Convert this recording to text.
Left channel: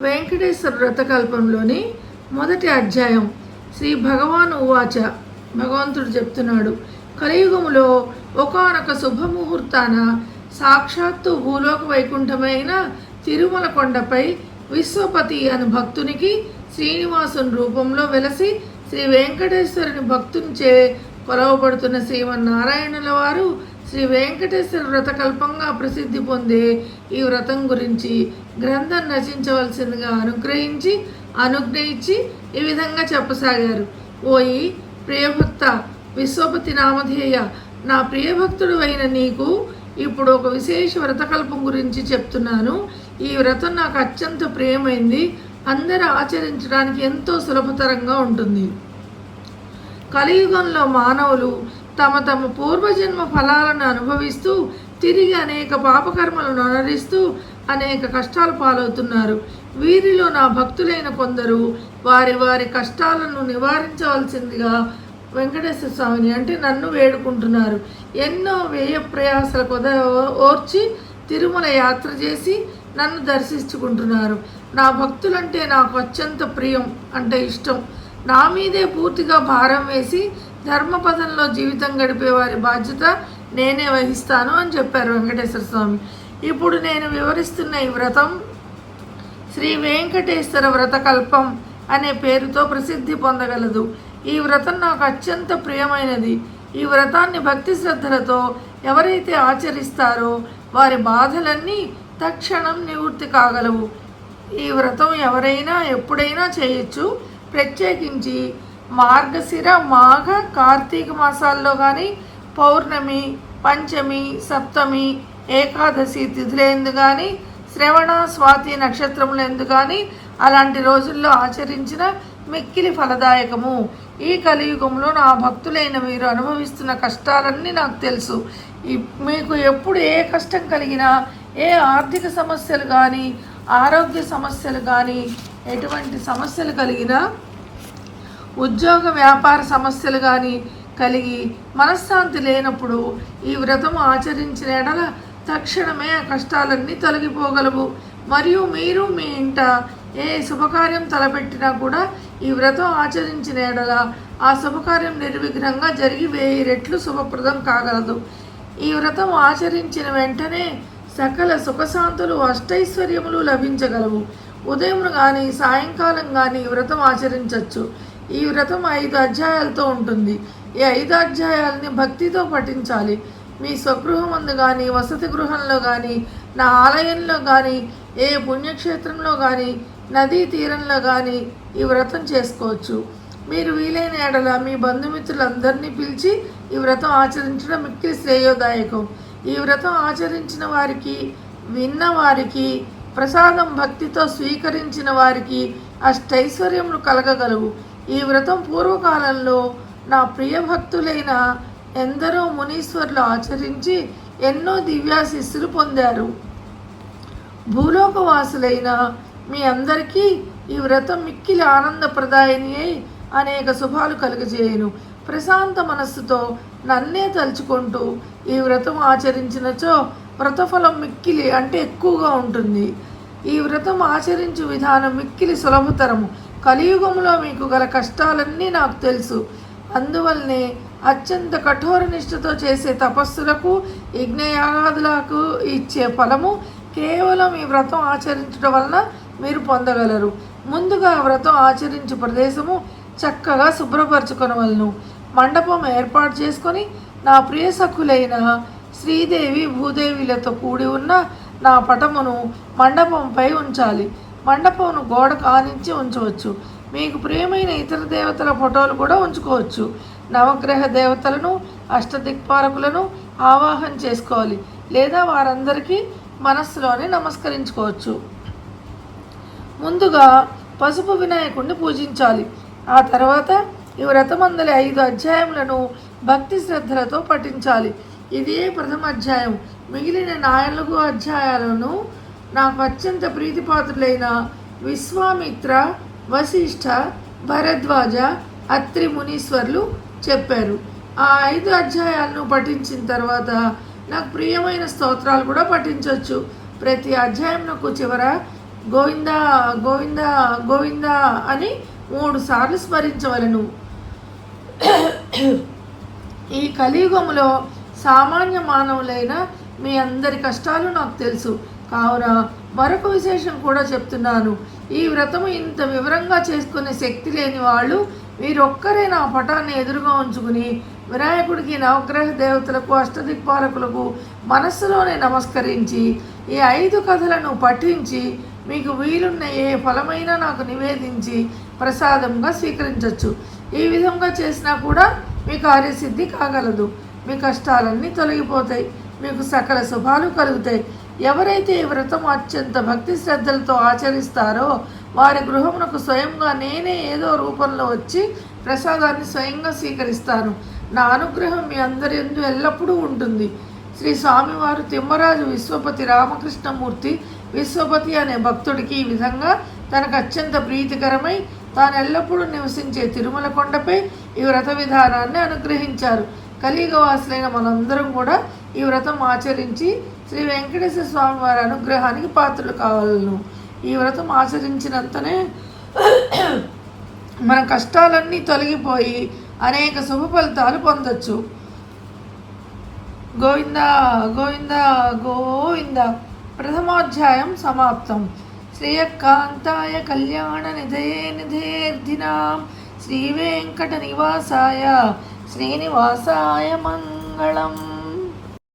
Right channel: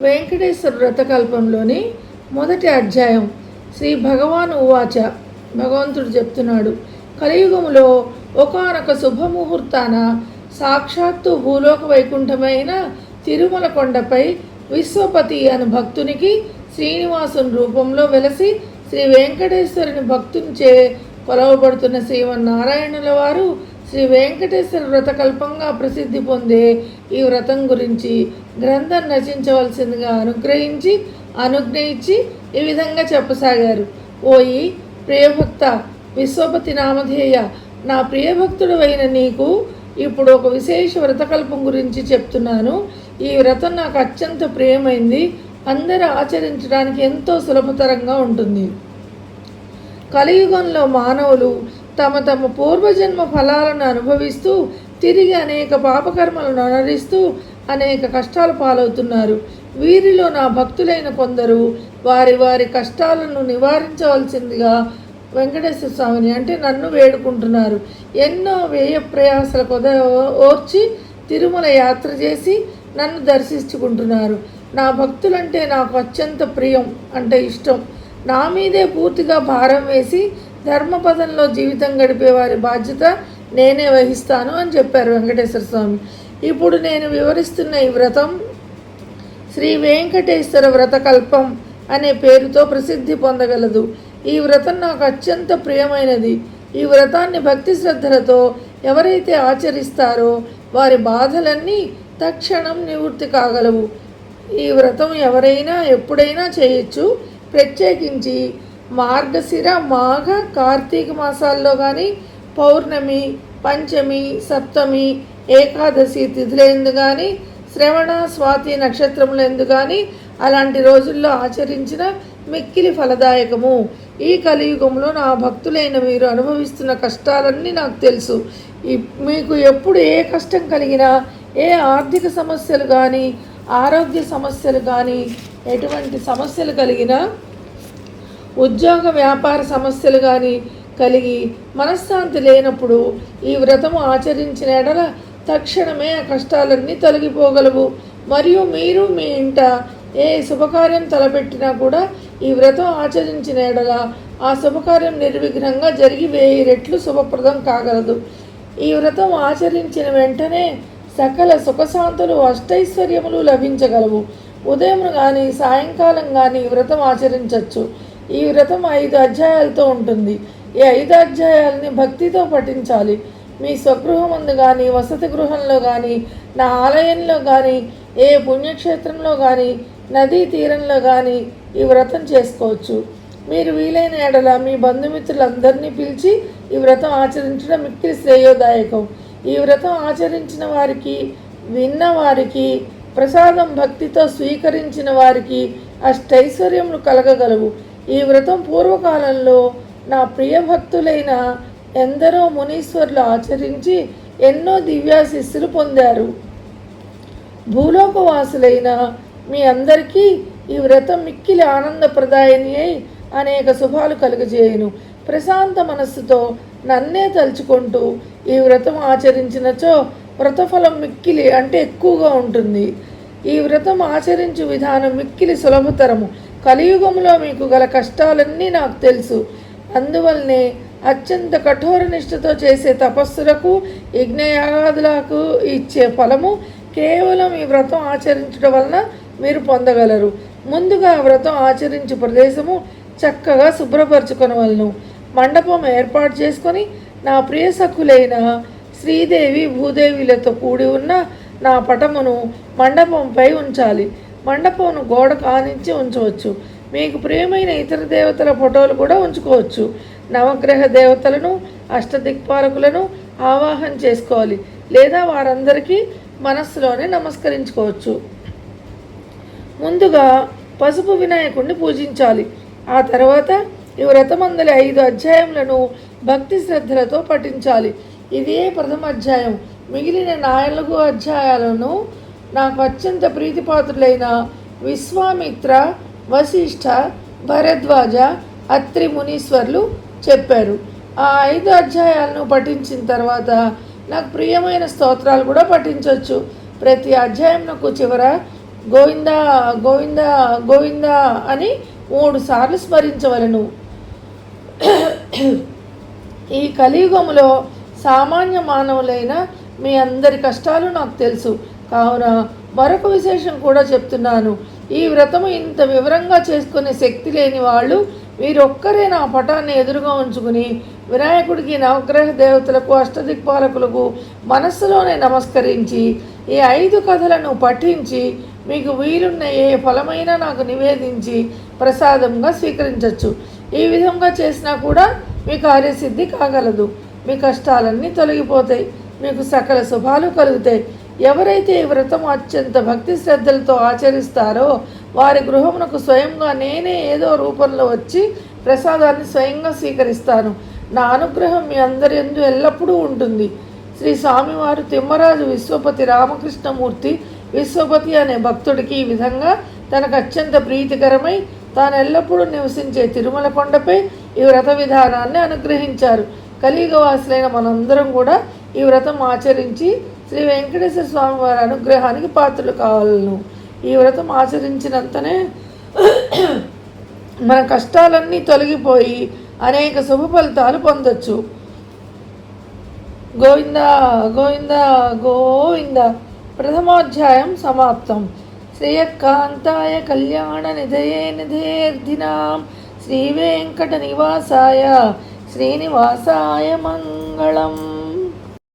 వెంకటేశ్వర వ్రతకల్పంలోని మొదటి అధ్యాయం. శ్రీ భగవాన్ ఉవాచ. భగవంతుడు చెప్తున్నాడు, కలియుగములో ఒకానొక శుభముహూర్తాన సాక్షాత్తు భూలోక వైకుంఠమైన తిరుమల కొండపై విశ్వపతి అను భక్తునికి శ్రీనివాసుని రూపంలో వెలసి శ్రీ వెంకటేశ్వరుని భక్తునిచే కొలవబడుతున్న శ్రీమన్నారాయణుల వారు శ్రీ వెంకటేశ్వర వ్రతకల్పంగా ప్రసిద్ధి పొందే ఈ వ్రతం గురించి గ్రంథం రచించవలసిందిగా అనుజ్ఞయించి ఈ విధంగా చెప్పసాగారు. ఓయి ప్రియభక్త, విశ్వపతి నామధేయ, నా ప్రియభక్తుడు అయిన నీకు ఇప్పుడు ఒక విశేష వ్రతకల్పం గురించి చెప్తున్నాను. ఈ వ్రతం నాకు అత్యంత ప్రియమైంది. అందరూ ఆచరించడానికి ఎంతో సులభతరంగా ఉంటుంది. కలియుగంలో మానవులు తమ తమ పూర్వజన్మ ఫలాలను అనుభవిస్తూ తిరిగి అనేక పాపకర్మలను అనరిస్తూ అనేక కష్టాలు పాలవుతున్నారు. వీరిలో నా భక్తులైన కొందరు వారి వారి కష్టాలను నివారించవలసిందిగా వెంకటేశ్వర స్వామిని అంటే నన్ను వేడుకుంటున్నారు. ఎన్నో వ్యయ ప్రయాసల ఓర్చి తిరుమల యాత్ర చేసి నన్ను దర్శించుకుంటున్నారు. నా భక్తులంటే నాకు అత్యంత ప్రియం, అంటే ఇష్టం. నా మీదే పూర్తిగా భారం వేసి ధర్మపదంలో జీవితం గడిపే వారి బాధ్యత నేనే వహిస్తాను అని చెప్పారు వెంకటేశ్వర స్వామి. ఇప్పుడు నేను వివరిస్తున్న ఈ వ్రతం శ్రీ వెంకటేశ్వర వ్రతకల్పం అనే పేరుతో ప్రసిద్ధి పొందగలదు. ఈ వ్రతం నాకు అత్యంత ప్రియమైనది. ఈ వ్రతాన్ని భక్తి శ్రద్ధలతో ఎవరైతే ఆచరిస్తారో వారి బాధలన్నీ తక్షణం నివృత్తి కాగలవు. ఈ వ్రతం ఎవరైనా ఎప్పుడైనా చేయొచ్చు. ప్రత్యేకించి మార్గశిర, మాఘ, కార్తీక మాసాల్లో కానీ, పౌర్ణమి, పంచమి, సప్తమి, ఏకాదశి తిథులందు కానీ, శ్రవణ, స్వాతి నక్షత్రములందు కానీ అలాంటి రోజుల్లో ఆచరించిన మిక్కిలి ఫలదాయకము. ఈ కలియుగంలో నా భక్తులైన మీరు అనుభవిస్తున్న కష్టాలన్నీ నాకు తెలుసు. మీకు ఎప్పుడు ఏ కష్టం కలిగినా, ఏ ఆర్థిక సమస్యలు కానీ, ఆరోగ్య సమస్యలు కానీ, ఎటువంటి సమస్యలు కలిగినా, ఉద్యోగ వ్యాపార సమస్యలు కానీ కలిగి మనశ్శాంతి లేనప్పుడు ఈ వ్రతము ఆచరించిన ఎడల తక్షణమే ఆ కష్టాలన్నీ తొలగిపోగలవు. మరియు మీరు మీ ఇంట ఏ శుభకార్యం తలపెట్టినా కూడా ఈ వ్రతం ఆచరించిన ఎడల ఆ శుభకార్యం నిర్విఘ్నంగా జరిగి 1000 రెట్లు శుభప్రదం కాగలదు. ఈ వ్రతం ఆచరించిన వెంటనే సకల సుఖశాంతులు, అష్టైశ్వర్యములు లభించగలవు. ఉదయం కానీ సాయంకాలం కానీ ఈ వ్రతం ఆచరించవచ్చు. ఈ వ్రతం 5 అధ్యాయాలతో ఉంటుంది. ఈ 5 అధ్యాయాలని భక్తితో పఠించాలి. మీ స్వగృహమందు కానీ, వసతి గృహంలో కానీ, నా ఆలయంలో కానీ, ఏ పుణ్యక్షేత్రంలో కానీ, నదీ తీరంలో కానీ ఈ వ్రతం చేసుకోవచ్చు. మీరు వీలైన ఎడల మీ బంధుమిత్రులందరినీ పిలిచి ఈ వ్రతం ఆచరించడం మిక్కిలి శ్రేయోదాయకం. ఈ వ్రతం ఆచరించిన వారికి, విన్న వారికి, ప్రసాదం భక్తితో స్వీకరించిన వారికి అష్టైశ్వర్యములు కలగగలవు. ఈ వ్రతం పూర్వకాలంలో నా ప్రియభక్తులైన ఎందరో మునీశ్వరులు ఆచరించి ఎన్నో దివ్యాశిస్సులు పొందారు. భూలోకవాసులైన మీ అందరికీ ఈ వ్రతం మిక్కిలి ఆనందప్రదాయని అయి అనేక శుభాలు కలుగజేయును. ప్రశాంత మనస్సుతో నన్నే తలుచుకుంటూ ఈ వ్రతం ఆచరించినచో వ్రతఫలం మిక్కిలి అంటే ఎక్కువగా ఉంటుంది. ఈ వ్రతం ఆచరించు విధానం మిక్కిలి సులభతరము. కలియుగంలో మీకు గల కష్టాలన్నీ నాకు తెలుసు. అందువల్లనే అత్యంత కఠోర నిష్ఠతో చేసే తపస్సులకు, యజ్ఞయాగాదులకు ఇచ్చే ఫలము కేవలం ఈ వ్రతం ఆచరించడం వలన మీరు పొందగలరు. ముందుగా వ్రతం ఆచరించే ప్రదేశము చక్కగా శుభ్రపరచుకొనవలను. మండపం ఏర్పాటు చేసుకొని నా ప్రియ సఖులైన శ్రీదేవి, భూదేవిలతో కూడి ఉన్న నా పటమును మండపంపై ఉంచాలి. మండపంను గోడ కానించి ఉంచవచ్చు. మీకు ప్రియమైన ఇతర దేవతల ఫోటోలు కూడా ఉంచుకోవచ్చు. నవగ్రహ దేవతలను, అష్టదిక్పాలకులను ఆవాహన చేసుకోవాలి, లేదా వారందరికీ మనస్సులోనే నమస్కరించుకోవచ్చు. ముందుగా పసుపు వినాయకుడిని పూజించాలి. ఆ తర్వాత ఈ వ్రతమందలి 5 అధ్యాయములను భక్తి శ్రద్ధలతో పఠించాలి. ఇదే ప్రథమ అధ్యాయం. మిగిలిన 4 అధ్యాయాలను నాకు అత్యంత ప్రీతిపాత్రులైన విశ్వామిత్ర, వశిష్ఠ, భరద్వాజ, అత్రి మునీశ్వర్లు చెప్పారు. ఆ 5 అధ్యాయాలను పఠించిన తర్వాత నాకు ప్రియమైన స్తోత్రాలు కూడా పఠించవచ్చు. ప్రతి అధ్యాయంకు చివర గోవింద గోవింద గోవింద అని 3 సార్లు స్మరించవలను. ఈ కలియుగములో సామాన్య మానవులైన మీ అందరి కష్టాలు నాకు తెలుసు. కావున మరొక విశేషం కూడా చెప్తున్నాను. ఈ వ్రతము ఇంత వివరంగా చేసుకునే శక్తి లేని వాళ్ళు వీరొక్కరే నా పటాన్ని ఎదురుగా ఉంచుకుని వినాయకుడికి, నవగ్రహ దేవతలకు, అష్టదిక్పాలకులకు మనస్సులోనే నమస్కరించి ఈ 5 కథలను పఠించి మీకు వీలున్న ఏ ఫలమైనా నాకు నివేదించి ప్రసాదంగా స్వీకరించవచ్చు. ఈ విధంగా చేసినా కూడా మీ కార్యసిద్ధి కాగలదు. మీ కష్టాలన్నీ తొలగిపోతాయి. మీకు సకల శుభాలు కలుగుతాయి. ఎవరైతే ఈ వ్రతం అత్యంత భక్తి శ్రద్ధలతో ఆచరిస్తారో వారి గృహమునకు స్వయంగా నేనే ఏదో రూపంలో వచ్చి ప్రసాదాన్ని స్వయంగా స్వీకరిస్తాను. నా అనుగ్రహం మీ అందరి యందు ఎల్లప్పుడూ ఉంటుంది. శ్రీ స్వామివారు తిమ్మరాజు విశ్వపతి రామకృష్ణమూర్తి విశ్వపతి అనే భక్తుడికి ఈ విధంగా తనకు అత్యంత ప్రీతికరమై తాను ఎల్లప్పుడూ నివసించే తిరుమల కొండపై ఈ వ్రత విధానాన్ని అనుగ్రహించారు. కలియుగవాసులైన మనందరం కూడా ఈ వ్రతం ఆచరించి శ్రీ వెంకటేశ్వర స్వామి వారి అనుగ్రహానికి పాత్రలు కావాలను. ఈ వ్రతం ఆచరించినంతనే మన కష్టాలన్నీ తొలగిపోయి అనేక శుభ ఫలితాలు పొందొచ్చు. గోవింద గోవింద గోవింద. ప్రథమోధ్యాయం సమాప్తం. శ్రేయకాంతాయ కళ్యాణ నిధయే నిధేర్ధినాం శ్రీ వెంకట నివాసాయ శ్రీనివాసాయ మంగళం.